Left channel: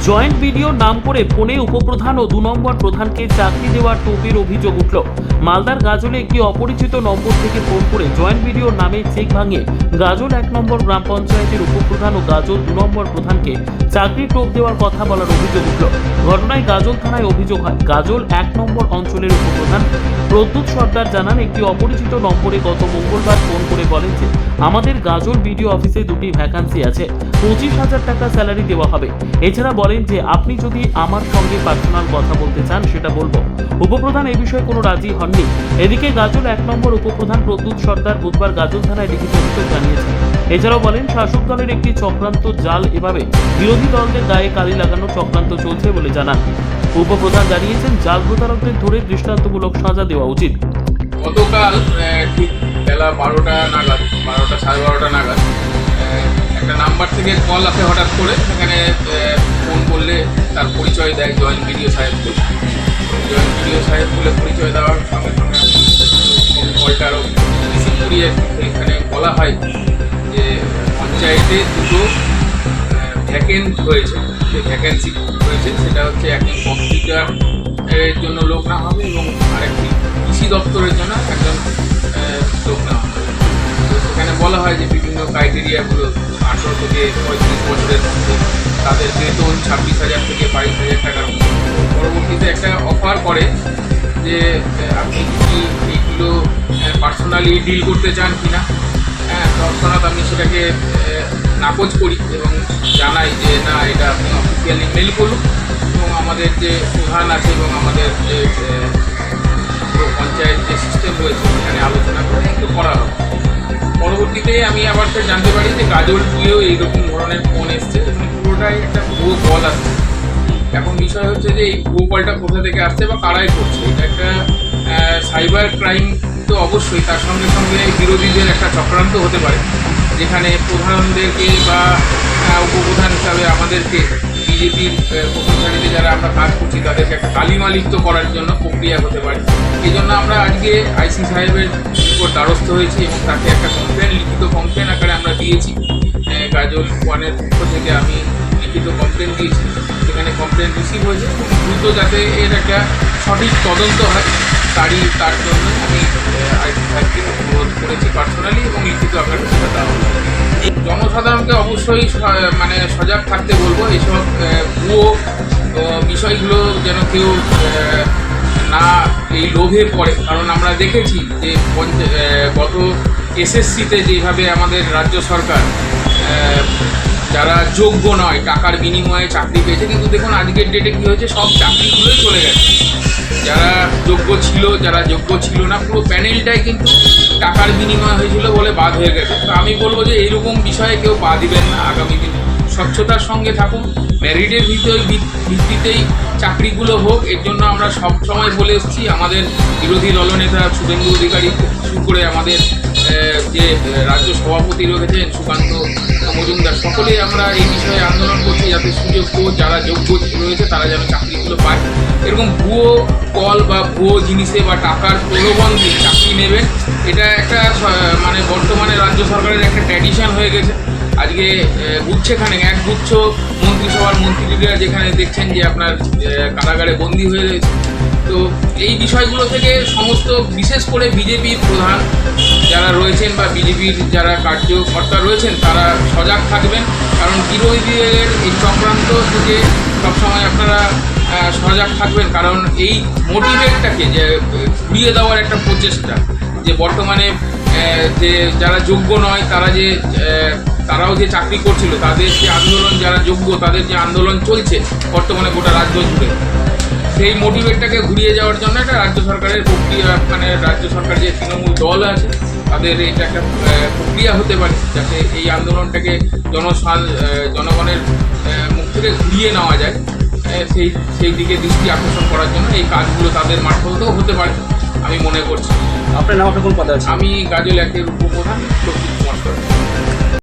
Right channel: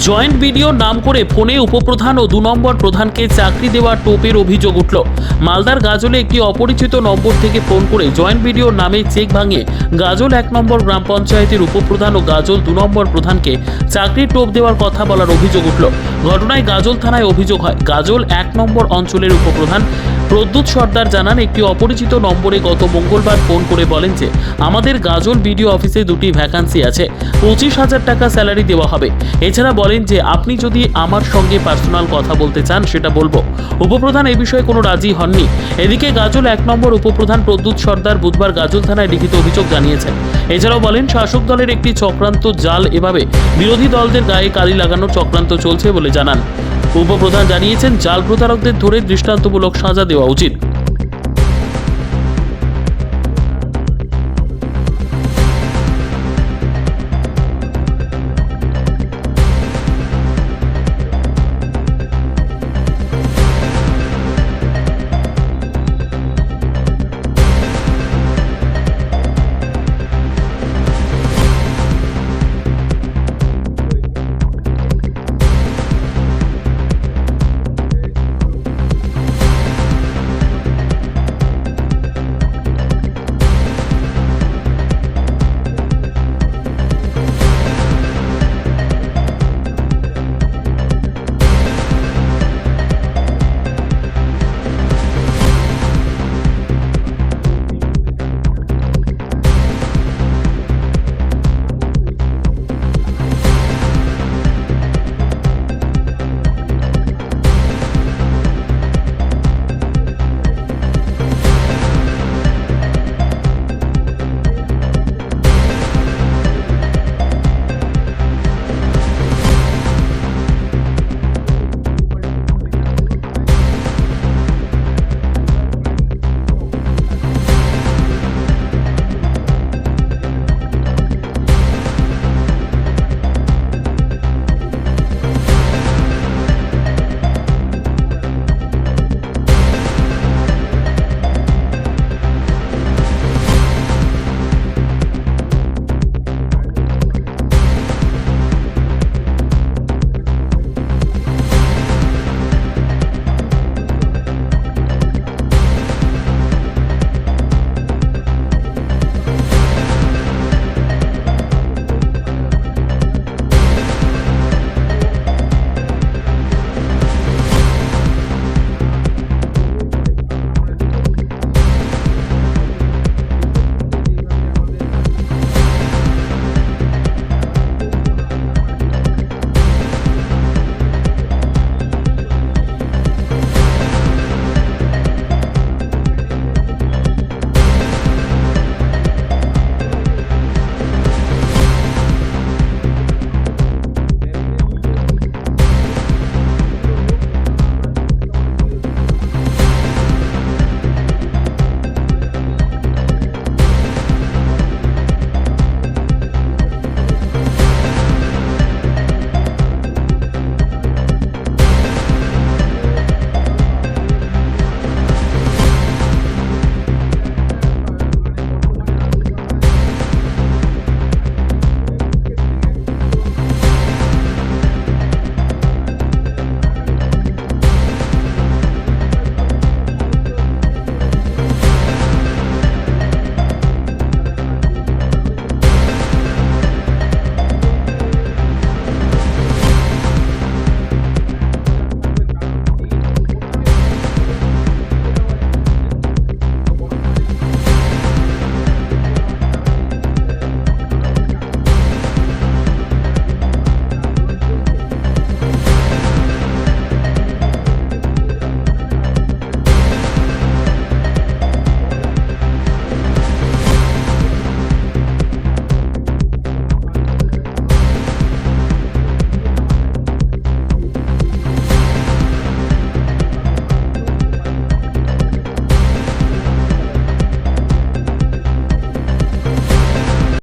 Joint ভিডিওর নাম করে ফোনে উপপ্রধান ও 2 নম্বর প্রধানকে চাকরি দেওয়ার টোপের অভিযোগ উঠল। মালদার গাজলে একটি অপরিচিত নম্বর থেকে ফোন করে জয়েন্ট ভিডিওর নামে চেক ভাঙিয়ে গাজল 1 নম্বর গ্রাম পঞ্চায়েতের উপপ্রধান ও গাজল 2 নম্বর প্রধানকে চাকরির টোপ দেওয়ার কথা বলার অভিযোগ উঠল। ঘটনায় গাজল থানায় অভিযোগ হয়। গাজল 1 নম্বর অঞ্চলের উপপ্রধান প্রদ্যুৎ সর্দার জানান, একটি অপরিচিত নম্বরে গত মঙ্গলবার ফোন করে বলেন যে আমাদের গাজল বিডিও অফিসে 2টি ভ্যাকান্সি আছে, 25,000 টাকা স্যালারি দেওয়া হবে। এছাড়া বলেন যে আপনি যদি আমার সঙ্গে পার্সোনাল কথা বলতে চান সেটা বলবো। উপপ্রধান এই বিষয়ে কোনো রাজি হননি। এদিকে গাজল 1 নম্বর উপপ্রধান প্রদ্যুৎ সর্দার বুধবার গাজল থানায় লিখিত অভিযোগ জানিয়েছেন। এছাড়াও বলেন শাসক দলের একটি চক্রান্ত জাল, এভাবে বিরোধী দলদের গায়ে কালি লাগানোর চক্রান্ত চলছে বলে জানান। উপপ্রধান জানিয়েছেন জাল প্রতারকদের ধরে দৃষ্টান্তমূলক সাজা দেওয়া উচিত। গতকাল ঠিক বেলা 12টা নাগাদ, 12টা সাড়ে 12টা নাগাদ একটা নাম্বার থেকে কল আসে হঠাৎ করে। সেখানে ফোন করলে তার পরিচয় দেয় জয়েন্ট বিডিও সাহেবকে। জয়েন্ট বিডিও সাহেবকে পরিচয় দেওয়ার সঙ্গে সঙ্গে কলটা আরও রিসিভ করিয়ে এখানে বলা হয় যে পঞ্চায়েতে 2টো ভ্যাকেন্ট হয়েছে, যে ভ্যাকেন্সি হয়েছে সেটা হচ্ছে একজন কম্পিউটার এর জন্য লোক না হবে এবং আরেকটি কৃষি দপ্তরের জন্য একজন লোক না হবে। তো সেখানে বলা হয় যে বিভিন্ন ক্রাইটেরিয়াগুলো 18 থেকে 35 বছরের মধ্যে তাদের বেতন 26,000 থেকে 22,000 টাকার মধ্যে। পরবর্তীতে একটা অফার করে যে আপনি কি এইগুলো পার্সোনালি ডিল করতে চান কি না। তৎক্ষণাৎ আমি সেটাকে নাকচ করি এবং জানাই যে না, এটা আপনি অফিসিয়ালি মেল করুন এবং আমাদের যে প্রধান আছে এবং আমাদের যে পঞ্চায়েত যে সিস্টেম রয়েছে সেখানে আলোচনা করে একটু করা হবে। পরবর্তীতে আমি আবার জানতে পারি যে গাজল দিয়েও এইরকম ধরনের ফোন এসছে এবং পুরোটাই একটা ভুয়ো কল আসছে। এখন বিষয় হচ্ছে যে এই ভুয়ো কলটা কোথা থেকে আসছে বা কারাই করছে। এটা একটা সাইবার ক্রাইম তো অবশ্যই, তার সঙ্গে সঙ্গে বিরোধীদের একটা চক্রান্ত হতে পারে, যেখানে প্রধানদেরকে বা উপপ্রধান হিসাবে আমাদেরকে বিজেপির প্রতিষ্ঠানীতে যারা আমরা কাজ করছি তাদেরকে একটা কালিমালিপ্ত করার জন্য প্রক্রিয়া হতে পারে। এই জন্য আমরা আজকে আইসি সাহেবের উপর দ্বারস্থ হয়েছি এবং তাকে একটা কমপ্লেন, লিখিত কমপ্লেন আকারে আমরা দিয়েছি। গাজল 1-এর পক্ষ থেকে আমি লিখিত কমপ্লেন দিয়েছি, সেখানে কমপ্লেন রিসিভ হয়েছে। দ্রুত যাতে এর একটা সঠিক তদন্ত হয় তার জন্য আমি আইসি সাহেবকে অনুরোধ করেছি পার্সোনালি এবং লিখিত আকারে সেটা দেওয়া হবে। জনসাধারণকে অবশ্যই মানে সজাগ থাকতে বলবো, এইসব ভুয়ো বিষয়গুলো যেন কেউ না এই লোভে পড়ে। কারণ আমরা দেখেছি যে গত এসএসসিতে যেভাবে আমাদের রাজ্য সরকার যারা যোগ্য নয় টাকার বিনিময়ে চাকরি পেয়েছে, কিন্তু দেখুন আজকের ডেটে কী হয়েছে, সব চাকরিগুলোই চলে গেছে। যারা যোগ্য ছিল, যারা যোগ্য ছিল না, পুরো প্যানেলটাই কিন্তু টাকার বিনিময় হয়েছিল বলে বাদ হয়ে গেছে। তো আমি বলবো যে এইরকম বিষয়ে কেউ পা দিবেন না। আগামী দিন স্বচ্ছতার সঙ্গে থাকুন, মেরিটের ভিত্তিতেই চাকরিগুলো হোক। এর জন্য আমরা সব সময় বলে এসেছি। আমাদের বিরোধী দলনেতা শুভেন্দু অধিকারী শুরু করে আমাদের যে রাজ্য সভাপতি রয়েছেন সুকান্ত মজুমদার, সকলেই আমরা এই বিষয়ে আন্দোলন করছি যাতে সুযোগ্য যারা যোগ্য রয়েছে তারা যেন চাকরিগুলো পায়। এরকম ভুয়ো কল বা ভুয়ো জিনিসে বা টাকার প্রলোভন দিয়ে চাকরি নেবেন, এটা একটা মানে বর্তমানে রাজ্য সরকারের একটা ট্র্যাডিশন হয়ে গেছে। আজকে গুচ্ছেখানে একগুচ্ছ মন্ত্রিসভার মন্ত্রীরা যেখানে দেখছেন যে আপনার কারাগারে বন্দী হয়ে রয়েছে। তো এই বিষয়গুলো থেকে সমস্ত বিশেষ করে বিজেপির প্রধান যারা রয়েছেন বা বিজেপির যারা কার্যকর্তা রয়েছেন তারা সজাগ থাকবেন। কারণ বিরোধীদের এই চক্রান্ত থেকে সবসময় আপনারা সজাগ থাকবেন। কারণ এই মোটিভেটটাকে যে ঘুরিয়ে দেওয়ার একটা প্রচেষ্টা, যে বর্তমানে যে যারা যোগ্য নয় তারাও যে চাকরি করছিল, তাদের যে আন্দোলন, যারা যোগ্য তাদের যে আন্দোলন চলছে বর্তমানে গোটা রাজ্য জুড়ে, সেই মোটিভেটটাকে ঘুরিয়ে যাওয়ার জন্য একটা রাজ্য সরকারের প্রক্রিয়া, মানে রাজ্য সরকার যে তৃণমূল দল আছে তাদের এটা একটা প্রক্রিয়া হতে পারে যাতে এই আন্দোলনটাকে জনগণের মুখ থেকে ঘুরিয়ে নেওয়া যায়। সেই দিকে দৃষ্টি আকর্ষণ করার জন্য এই কাজগুলো তাদের মারফতেও হতে পারে আমি মনে করছি। আপনার নাম, আপনার কোন পদে আছে? আমি গাজল 1-এর উপপ্রধান।